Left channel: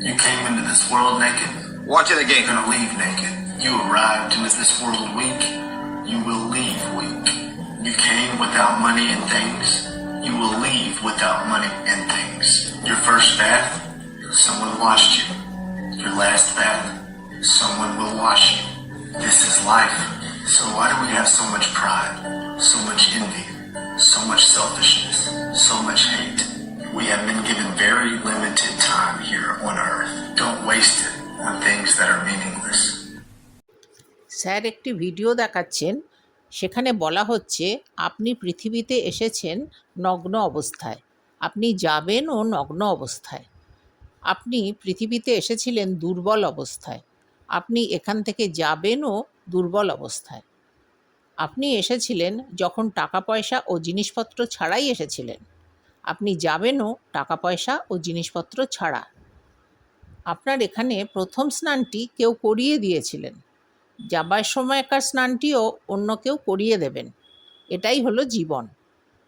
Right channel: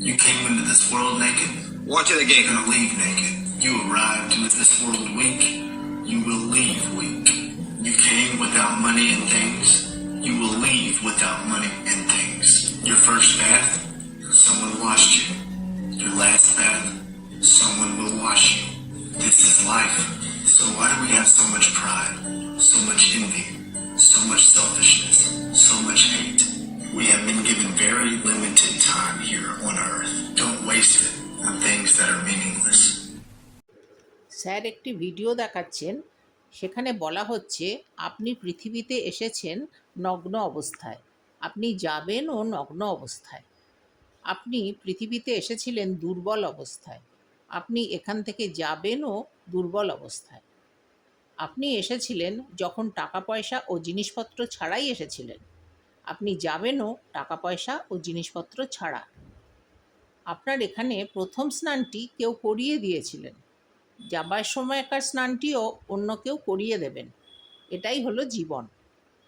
You came into this world naked. Watch it again. You're gonna leave naked. You arrived into this world weak. You will leave weak. You came without money and things. You will leave without money and things. Your first bath, someone washed you. Your last bath, someone will wash you. This is life. So why do we have so much pride, so much envy, so much selfishness, so much hate? We have been given very limited time here on earth. Don't waste it on things that are meaningless. Sir, একটি video দেখাচ্ছেন। সেখানে বলা হচ্ছে, আপনি পৃথিবীতে এসেছেন নগ্ন অবস্থায়। আপনি যাবেনও নগ্ন অবস্থায়। আপনি পৃথিবীতে এসেছিলেন দুর্বল অবস্থায়। আপনি এখান থেকে যাবেনও দুর্বল অবস্থায়। আপনি এসেছিলেন যখন টাকা পয়সা ও জিনিসপত্র ছাড়াই এসেছিলেন। আপনি যাবেনও টাকা পয়সা ও জিনিসপত্র ছাড়া। আপনার এখানে প্রথম স্নানটি কেউ করিয়ে দিয়েছিলেন। যাবার সময়কার স্নানটিও অন্য কেউ করিয়ে দেবেন। এটাই হলো জীবন।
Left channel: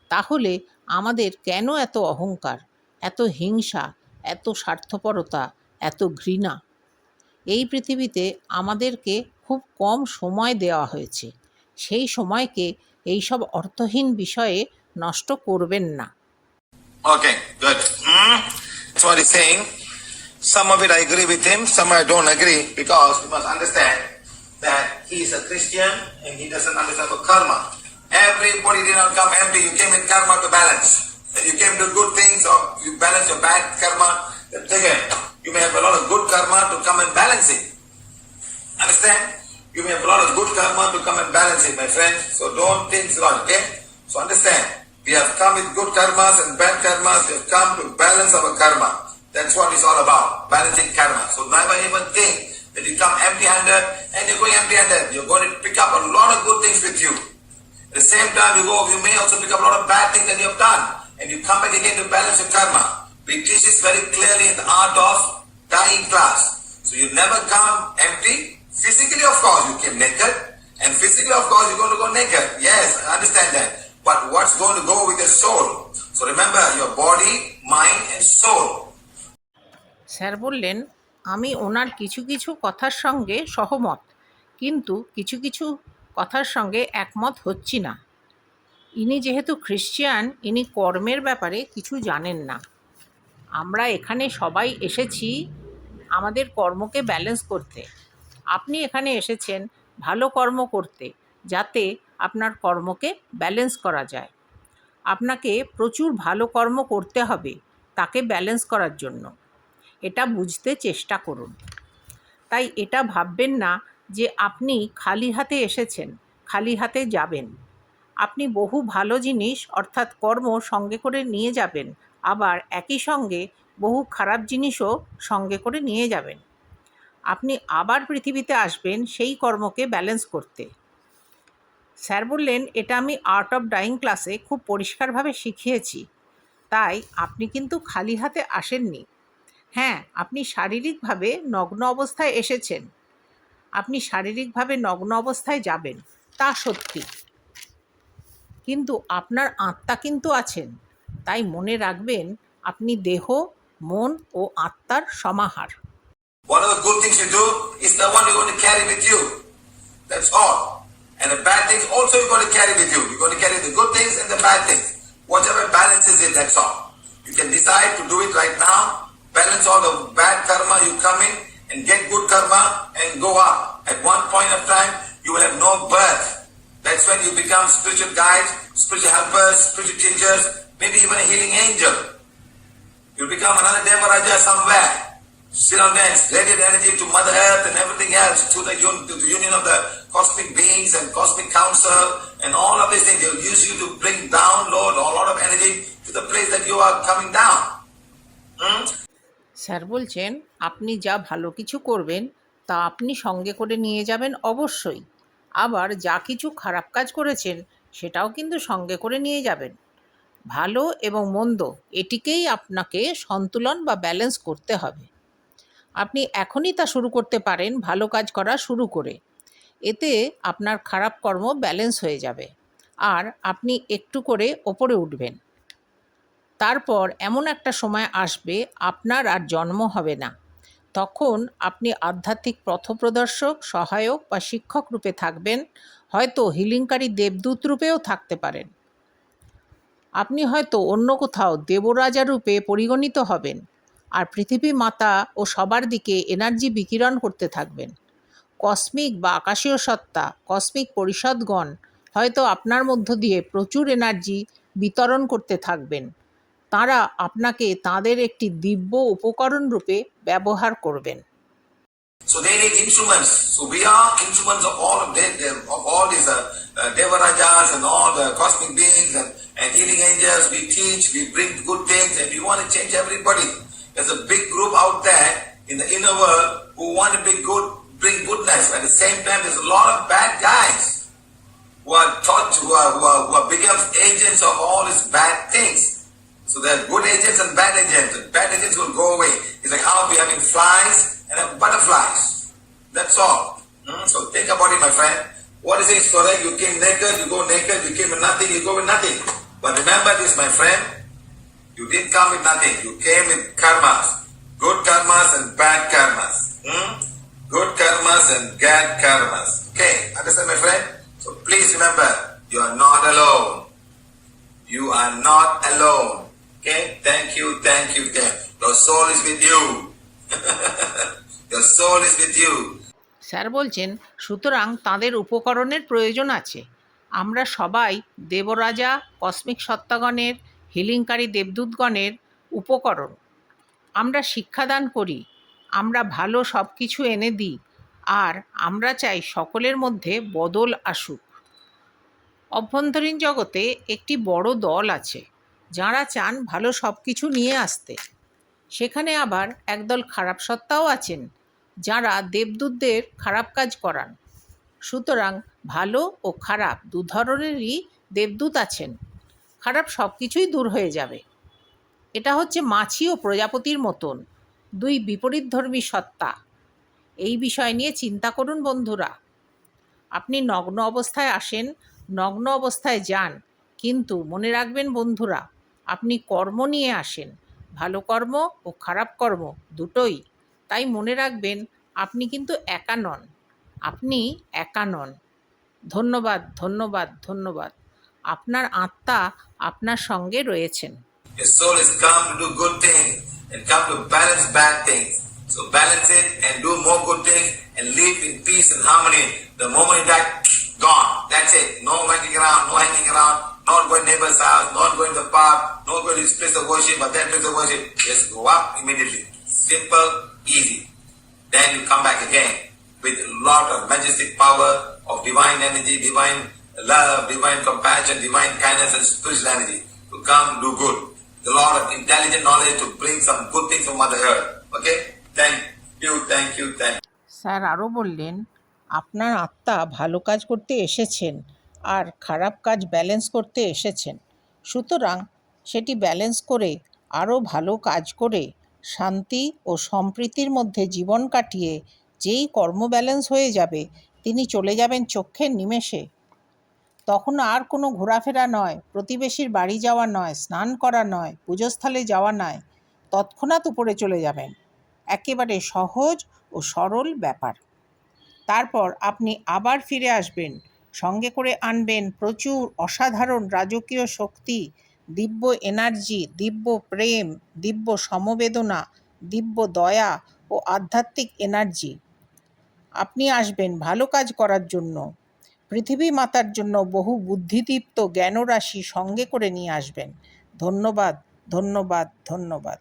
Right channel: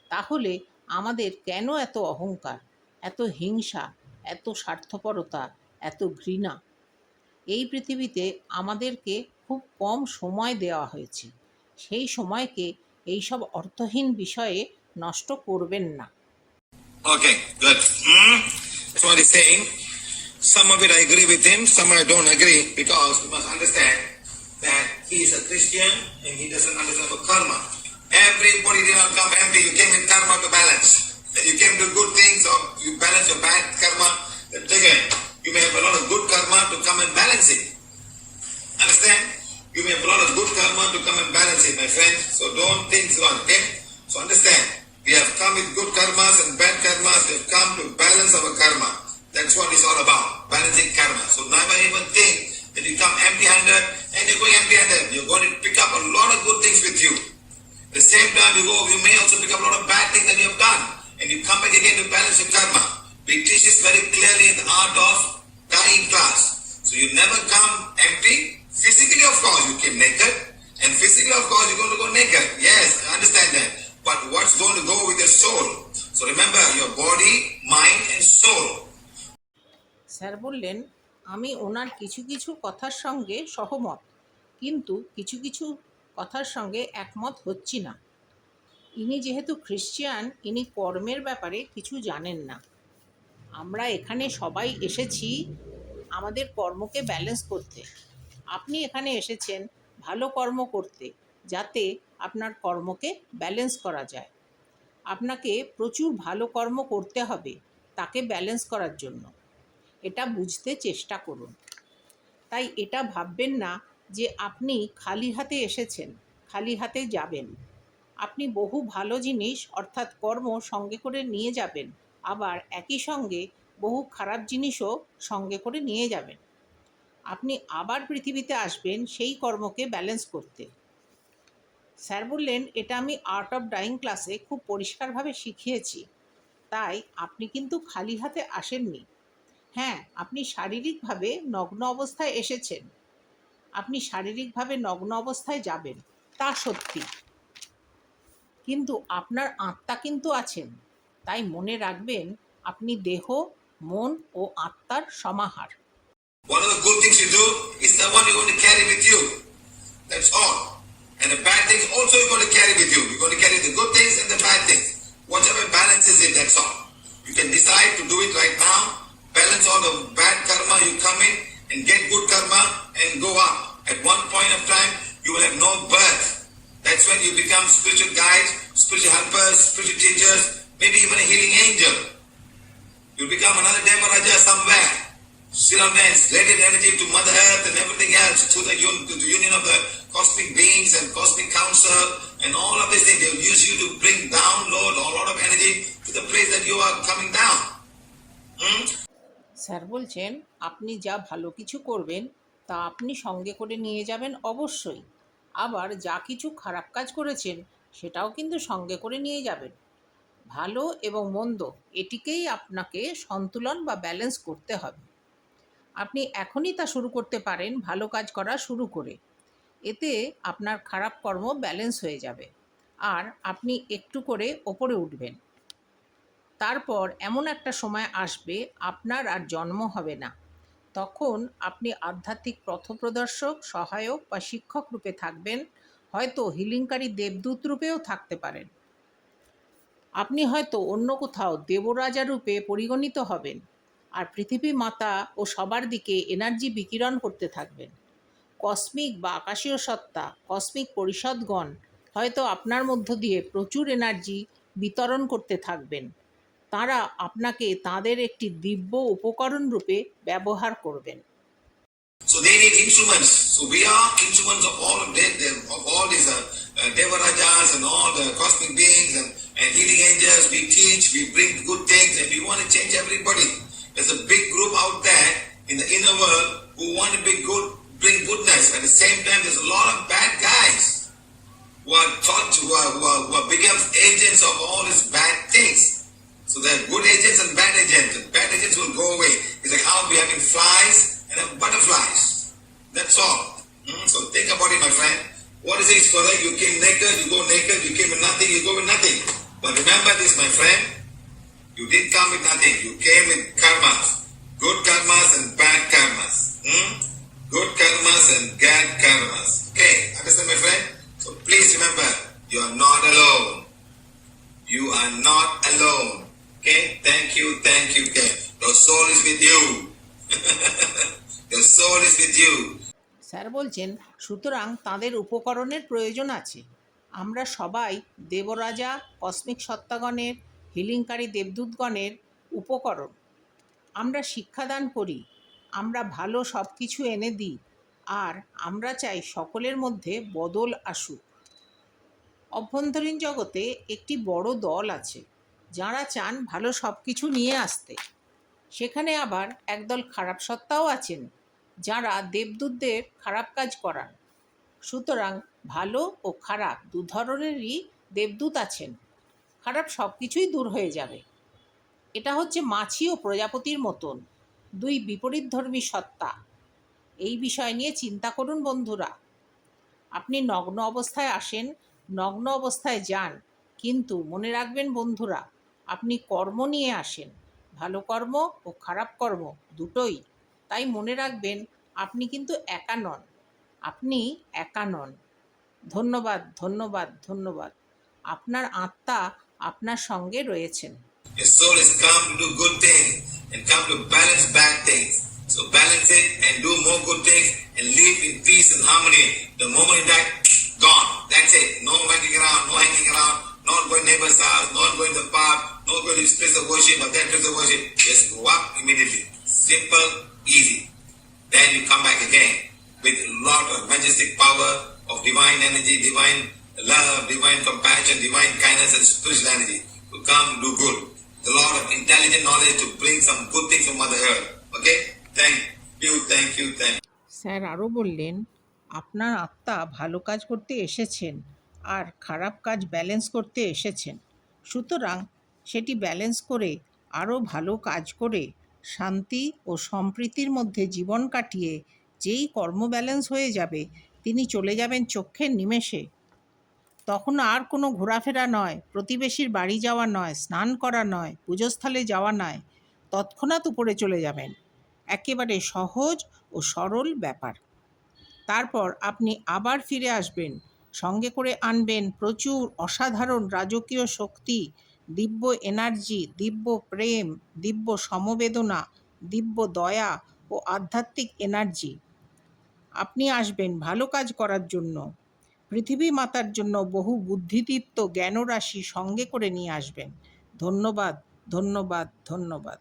তাহলে আমাদের কেন এত অহংকার, এত হিংসা, এত স্বার্থপরতা, এত ঘৃণা? এই পৃথিবীতে আমাদেরকে খুব কম সময় দেওয়া হয়েছে। সেই সময়কে এইসব অর্থহীন বিষয়ে নষ্ট করবেন না। Okay, good. Hmm? That's what he's saying. Some of it I agree with him, some I don't agree because you must understand that he is a Christian and he doesn't understand karma. Everybody did not come empty. You came in karma to balance. You came to good things or you balance your bad karma. Again, you may have a lot of good karma to come and balance it. Understand? You may have a lot of good karma to come and balance it, my friend. So don't think wrong, okay? So understand. We have come with good karmas and bad karmas. We have come to balance our karma. That's what it's all about. Balancing karma. So never even think that you come empty-handed and you're going empty-handed. You're going to pick up a lot of good things with you. At the same time, you go, you may also pick up a lot of bad things that you have done. And you come back again to balance your karma. We teach this very clearly in the art of dying class. So you never come empty. Physically, of course, you came naked. And physically, of course, you're going to go naked. Yes, I understand that. But what's going to go with the soul? So remember, your body, mind, and soul. Sir বললেন আমি ওনার কিছু কিছু কথার সঙ্গে সহমত কিন্তু কিছু কিছু কথার সঙ্গে একমত হচ্ছি না ইনি যেহেতু খ্রিশ্চান ইনি কর্মের ব্যাপারে কিছু জানেন না আমরা এখানে সবাই এসেছি আমাদের কর্মকে ব্যালেন্স করতে আপনি এখানে এসেছেন ভালো কর্ম করতে যাতে আপনার কর্মকে ব্যালেন্স করা যায়। আপনাকে প্রচুর ভালো কর্ম করতে হবে তাকে ব্যালেন্স করার জন্য। এটা বুঝতে চেষ্টা করুন। তাই এটা ভাববেন না যে আপনি খালি হাতে এসেছেন, খালি হাতে যাবেন। আপনি বহু ভালো জিনিস অর্থাৎ কর্ম সঙ্গে করে নিয়ে যাবেন, আবার একই সঙ্গে বহু খারাপ জিনিসও সঙ্গে করে নিয়ে যাবেন। আপনি আবার পৃথিবীতে আসবেন সেই কর্মকে ব্যালেন্স করতে। স্যার বললেন, এটা আমি আর্ট অফ ডাইং ক্লাসে খুব পরিষ্কারভাবে শিখিয়েছি। তাই আপনি কিন্তু খালি হাতে আসেননি। হ্যাঁ আপনি শারীরিকভাবে নগ্ন অবস্থায় এসেছেন। আপনি শারীরিকভাবে নগ্ন অবস্থায় যাবেন, তা সত্যি। কিন্তু আপনার আত্মা কিন্তু আছেন। তাই মনে রাখবেন, আপনি দেহ, মন ও আত্মার সমাহার। One of the good things you do is the one you're going to carry with you. That's all. And the bad things also you're going to carry with you. You're going to carry the good things and the bad things. Whichever balances it, that's all. You can decide to do it right now. Balance all the bad karma you come in and get good karma and go up. At one point of time, you will have no birth. That's when you become spiritual guides, spiritual helpers, spiritual teachers, maybe even a healing angel. You become another Devaraja somewhere. There, radiate energy to Mother Earth and everything else, to the, un- to the union of the cosmic beings and cosmic council and all of these things. They'll use you to bring download a lot of energy to the place that you are coming down. Hmm? Sir বলছেন আপনি যা ভালো কিছু করবেন তা আপনি সঙ্গে করে নিয়ে যাবেন অবশ্যই আবার যা কিছু খারাপ কাজ করেছেন সেটাও কিন্তু সঙ্গে করে নিয়ে যাবেন ভালো এবং মন্দ এটিকেই আপনাকে সন্তুলন বা ব্যালেন্স করতে হবে আপনি এখনই তা শুরু করতে পারেন, ভালো কাজ করা শুরু করে। এতে আপনার খারাপ কর্ম ব্যালেন্স হয়ে যাবে। আর আপনি একটু করে ওপরে উঠবেন। তারপর এমন একটা সময় আসবে, আপনার আর জন্ম হবে না। তখন আপনি আধ্যাত্মিক পথপ্রদর্শক, সহায়ক বা শিক্ষক রূপে থাকবেন, হয়তো হিলিংকারী দেবদূত রূপেও থাকতে পারেন। আপনি হয়তো অন্য কোথাও দেবরাজা রূপে পরিগণিত হবেন। আর পৃথিবী মাতা ও সবার দিকে এনার্জি বিকিরণ করতে থাকবেন কসমিক বা আকাশীয় সত্তা কসমিক পরিষদগণ হয়তো আপনার মধ্য দিয়ে প্রচুর এনার্জি বিতরণ করতে থাকবেন তারা আপনাকে তাদের একটি দিব্য উপকরণ রূপে ব্যবহার করবেন So they need instruments. So we are instruments of all of them, of all these uh, uh, Devarajas and all the cosmic beings and, and healing angels. We teach, we bring good things, and we want to change everybody. There's a big group out there in the inner world who want to be good, bring goodness. At the same time, there's a lot of bad guys who are taught who are who are, who are become agents of all these bad things. So there are good agents and bad agents. The bad agents will go away. It's like how we having flies and have butterflies. That's all. Hmm? So think about it, my friend. What is it? So that you came naked, you go naked, you came with nothing, you go with nothing. But remember this, my friend. You didn't come with nothing. You came with karmas. Good karmas and bad karmas. Hmm? Good karmas and bad karmas. Okay, understand, my friend? So please remember, you are not alone. You are not alone. Okay? Thank you, thank you, thank you. Your soul is with you. Your soul is with you. Sir বলছেন সুতরাং তাদের উপকরণের প্রয়োজন আছে আমরা সবাই দেবরাজা cosmic সত্তাগণের হিলিংকারী দেবদূতগণের উপকরণ। আমরা শিক্ষাদান করি, আমরা ভালো সব কিছু এনে দিই, আর আমরা চাই সকলের মধ্যে বদল আসুক। অভ্যন্তরীণ জগতে একটি বড় দল আছে, যারা চান ভালো সব কিছু নিয়ে আসতে। সেখানে আবার একদল খারাপ সত্তাও আছেন, যারা দেবদূতদের খারাপ কাজ করান। সুতরাং ভালো ও খারাপ দু ধরনেরই দেবদূত আছেন। খারাপ সব কিছুই দূর হয়ে যাবে। এটা হচ্ছে মাছি ও প্রজাপতির মতন দুই বিপরীতধর্মী সত্তা। এই বিষয় নিয়ে চিন্তা করুন বন্ধুরা। আপনি নগ্ন অবস্থায় আসেন, নগ্ন অবস্থায় যান, কিন্তু মনে রাখবেন বন্ধুরা, আপনি কর্ম নিয়ে আসেন। ভালো কর্ম ও খারাপ কর্ম দুটোই। তাই মনে রাখবেন, আপনি কিন্তু একা নন। আপনি একা নন। ধন্যবাদ ধন্যবাদ ধন্যবাদ। আপনার আত্মা আপনার সঙ্গে রয়েছেন Your soul has come to do good things and come to balance bad things. So balance it and do more good things and live in peace and harmony. The moment you die, gone. That's it. No hanging around, no hanging around, not going neighbor's house, not going to the park, not going to this place of worship or that place of worship. Just go up immediately. Simple, easy. Then you come back again with a lot of majestic power of divine energy, divine love, divine compassion, divine kindness and spiritual energy to come do good. The lot of intelligent knowledge to bring some good things from Mother Earth. Okay? Thank you, thank you, thank you. Sir আরও বললেন আপনার আত্মা ভালো কাজ করতে এসেছেন আর খারাপ কাজ ব্যালেন্স করতে এসেছেন সুতরাং সেটি ব্যালেন্স করে আরও ভালো কাজ করে শান্তি ও সম্প্রীতির মধ্যে জীবন কাটিয়ে যেই কর্ম ব্যালেন্স হয়ে যাবে তিনি চলে যাবেন চক্ষের নিমেষে তখন আর কোনো ঘোরাফেরা নয়, প্রতিবেশীর বাড়ি যাওয়া নয়, স্নান করা নয়, পুজোস্থলে যাওয়া নয়, তৎক্ষণাৎ উপরে চলে যাবেন। একেবারে সহজ ও সরল ব্যাপার। তারপর আপনি আবার ফিরে আসবেন, সঙ্গে করে আনবেন প্রচুর অসাধারণ রাজকীয় শক্তি, দিব্য এনার্জি, দিব্য প্রেম, দিব্য সমবেদনা, দিব্য দয়া ও আধ্যাত্মিক এনার্জি। আপনি আসবেন ভালো কাজ করার জন্য। পৃথিবী মাতার জন্য বহু বুদ্ধিদীপ্ত জ্ঞানরাশি সঙ্গে করে নিয়ে আসবেন। ধন্যবাদ ধন্যবাদ ধন্যবাদ।